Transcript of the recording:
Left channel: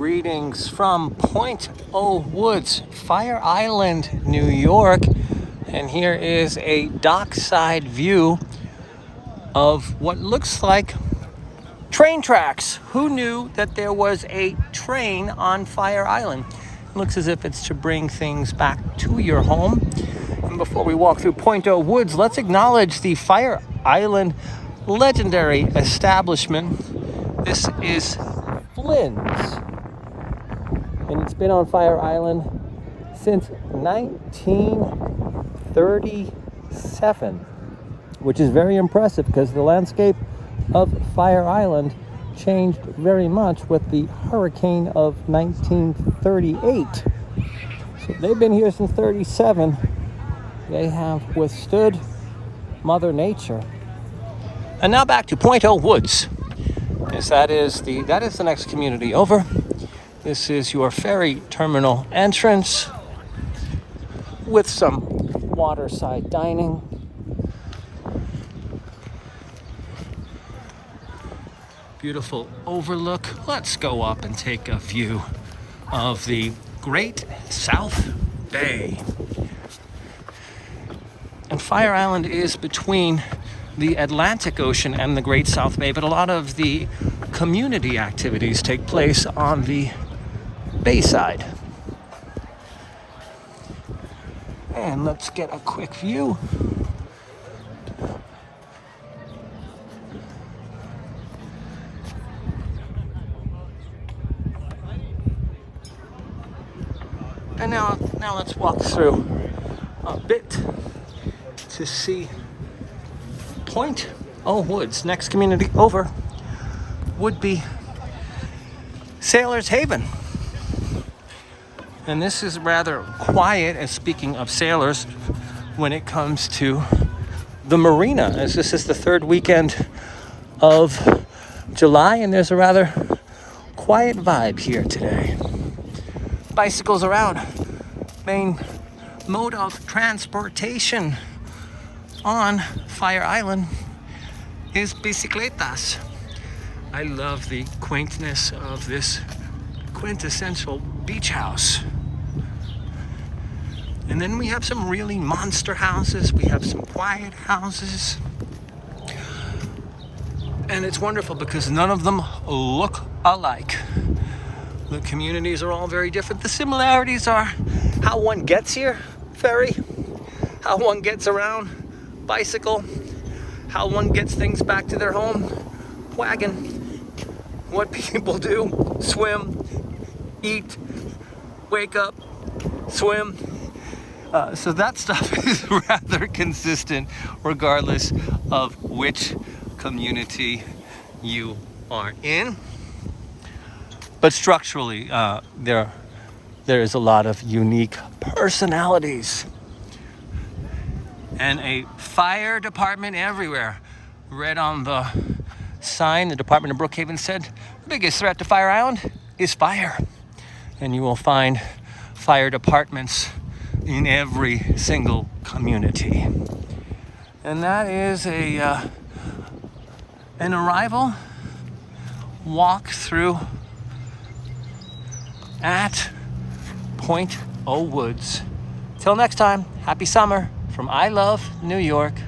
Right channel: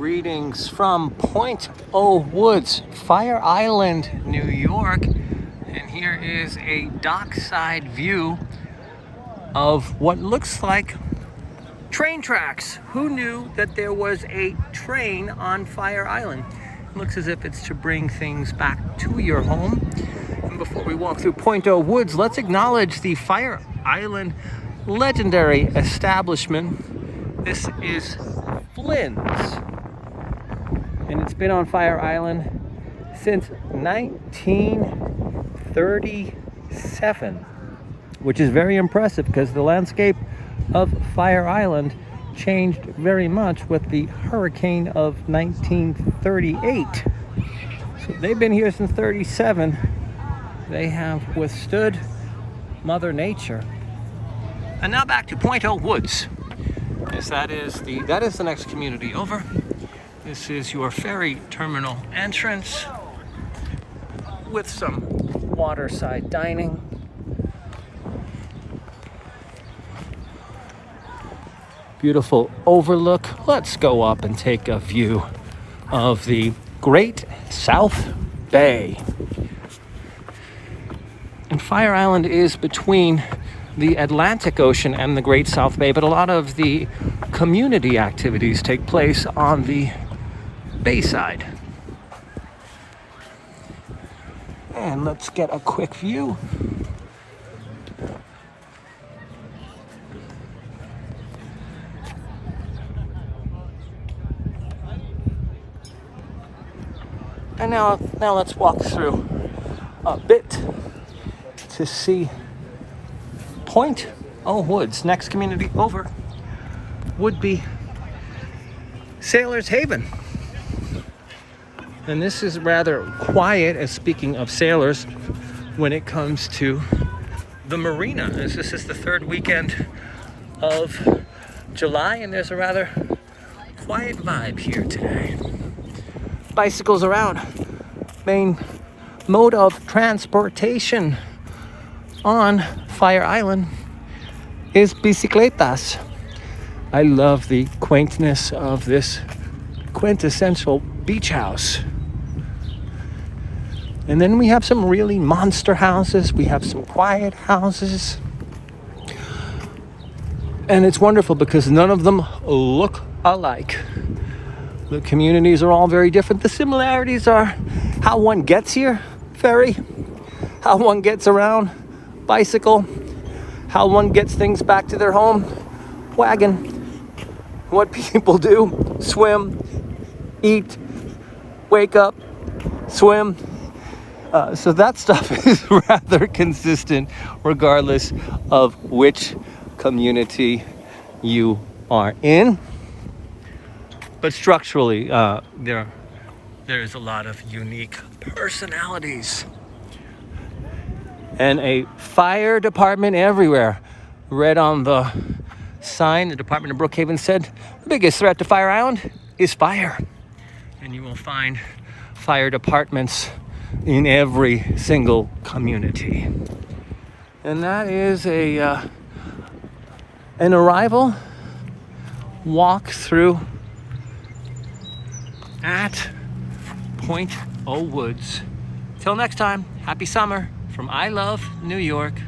Greetings from Point O Woods, Fire Island, New York. And here is a dockside view of what looks like train tracks. Who knew that there was a train on Fire Island? It looks as if it's to bring things back to your home. And before we walk through Point O Woods, let's acknowledge the Fire Island legendary establishment. This is Flynn's, and it's been on Fire Island since 1937, which is very impressive because the landscape of Fire Island changed very much with the hurricane of 1938. So they've been here since 37. They have withstood Mother Nature. And now back to Point O Woods. Yes, that is the next community over. This is your ferry terminal entrance with some waterside dining. Beautiful overlook. Let's go up and take a view of the Great South Bay. And Fire Island is between the Atlantic Ocean and the Great South Bay, but a lot of the community activities take place on the bayside. And let's get a quick view. And now let's walk through a bit to see Point O Woods. Next community over would be Sailor's Haven. And this is rather quiet, as speaking of sailors, when it comes to the marina, as this is the third weekend of July, and there's a rather quiet vibe here today. Bicycles around. Main mode of transportation on Fire Island is bicicletas. I love the quaintness of this quintessential beach house. And then we have some really monster houses. We have some quiet houses. And it's wonderful because none of them look alike. The communities are all very different. The similarities are how one gets here, ferry, how one gets around, bicycle, how one gets things back to their home, wagon, what people do, swim, eat, wake up, swim. So that stuff is rather consistent regardless of which community you are in. But structurally, there is a lot of unique personalities. And a fire department everywhere. Read on the sign, the Department of Brookhaven said, the biggest threat to Fire Island is fire. And you will find fire departments in every single community. And that is an arrival walk through at Point O Woods. Till next time, happy summer from I Love New York.